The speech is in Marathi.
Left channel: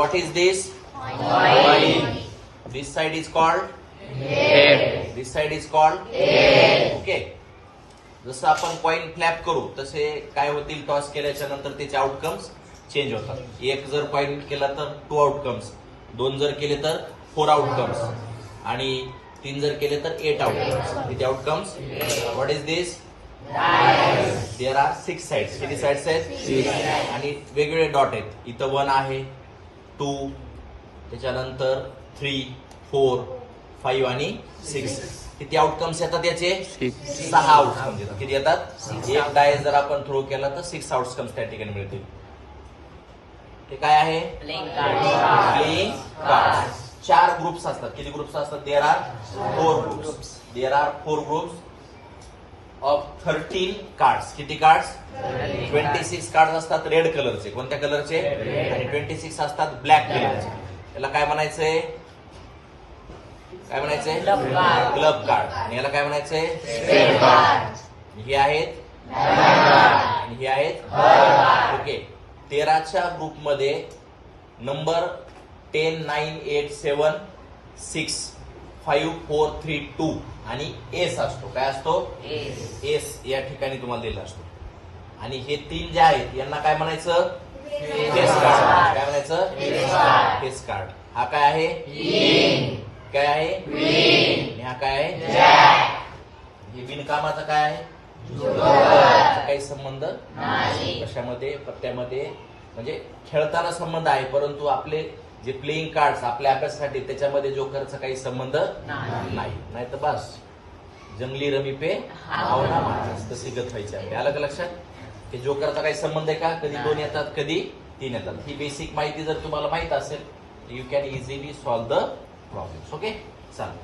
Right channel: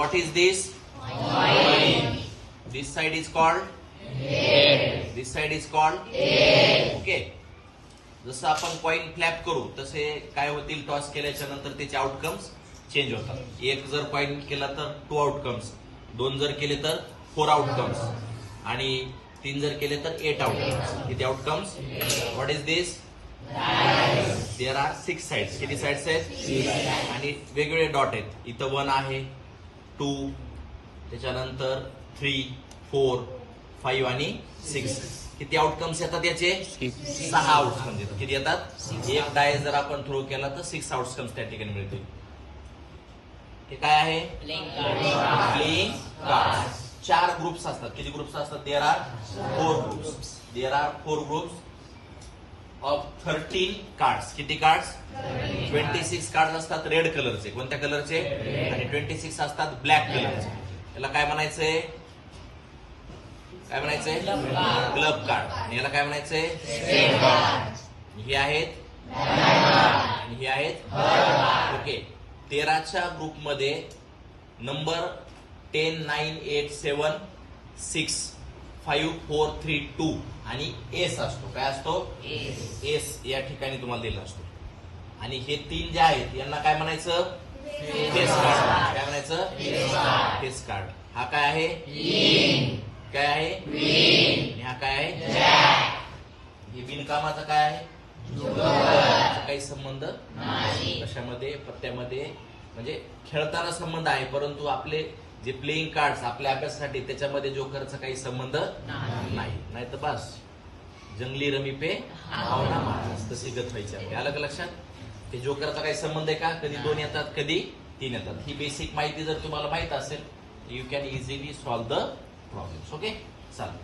what is this? Coin. This side is called head. This side is called head. Okay. जसं आपण कॉइन फ्लॅप करू तसे काय होतील, टॉस केल्याच्या नंतर त्याचे आउटकम्स चेंज होतात. एक जर कॉइन केला तर 2 आउटकम्स, 2 जर केले तर 4 आउटकम्स आणि 3 जर केले तर 8 आउटकम्स. किती outcomes? What is this? There are 6 sides. किती साइड्स आहेत? आणि वेगवेगळे डॉट आहेत. इथं 1 आहे, 2, त्याच्यानंतर 3, 4, 5 आणि 6. किती आउटकम्स येतात याचे? 6 आउटकम्स येतात. किती येतात? एक डाय जर आपण थ्रो केला तर 6 आउटकम्स त्या ठिकाणी मिळतील. हे काय आहे? Playing card. 4 ग्रुप्स असतात. किती ग्रुप्स असतात? There are 4 groups. There are 4 groups of 13 cards. किती कार्ड्स? 26 कार्ड असतात रेड कलरचे. कोणत्या कलरचे? 26 असतात ब्लॅक कलरचे. त्याला काय म्हणायचंय? काय म्हणायचंय? Club card. आणि याला काय म्हणायचंय? हे आहेत आणि हे आहेत. ओके. 13च्या ग्रुपमध्ये नंबर 10, 9, 8, 7, 6, 5, 4, 3, 2 आणि एस असतो. काय असतो? एस या ठिकाणी तुम्हाला दिला असतो. आणि हे 3 जे आहेत यांना काय म्हणायचं? Face card. काय म्हणायचं? Face card. हा काय आहे? काय आहे? आणि हा काय आहे? हे बिनकामाचा काय आहे? काही संबंध कशामध्ये? पत्त्यामध्ये. म्हणजे खेळताना संबंध आहे, परंतु आपले जे प्लेइंग कार्ड आपल्या अभ्यासासाठी त्याच्यामध्ये जोकरचा काही संबंध नाही तर बस जंगली रमी पे आवडा महाराज तशी गत व्हायची. आलं का लक्षात? हे जोकरचा काही संबंध आहे का? कधी 2 येतात, कधी 3 येतात. ही बेसिक माहिती जर तुम्हाला माहित असेल you can easily solve the problems. Okay, चालेल.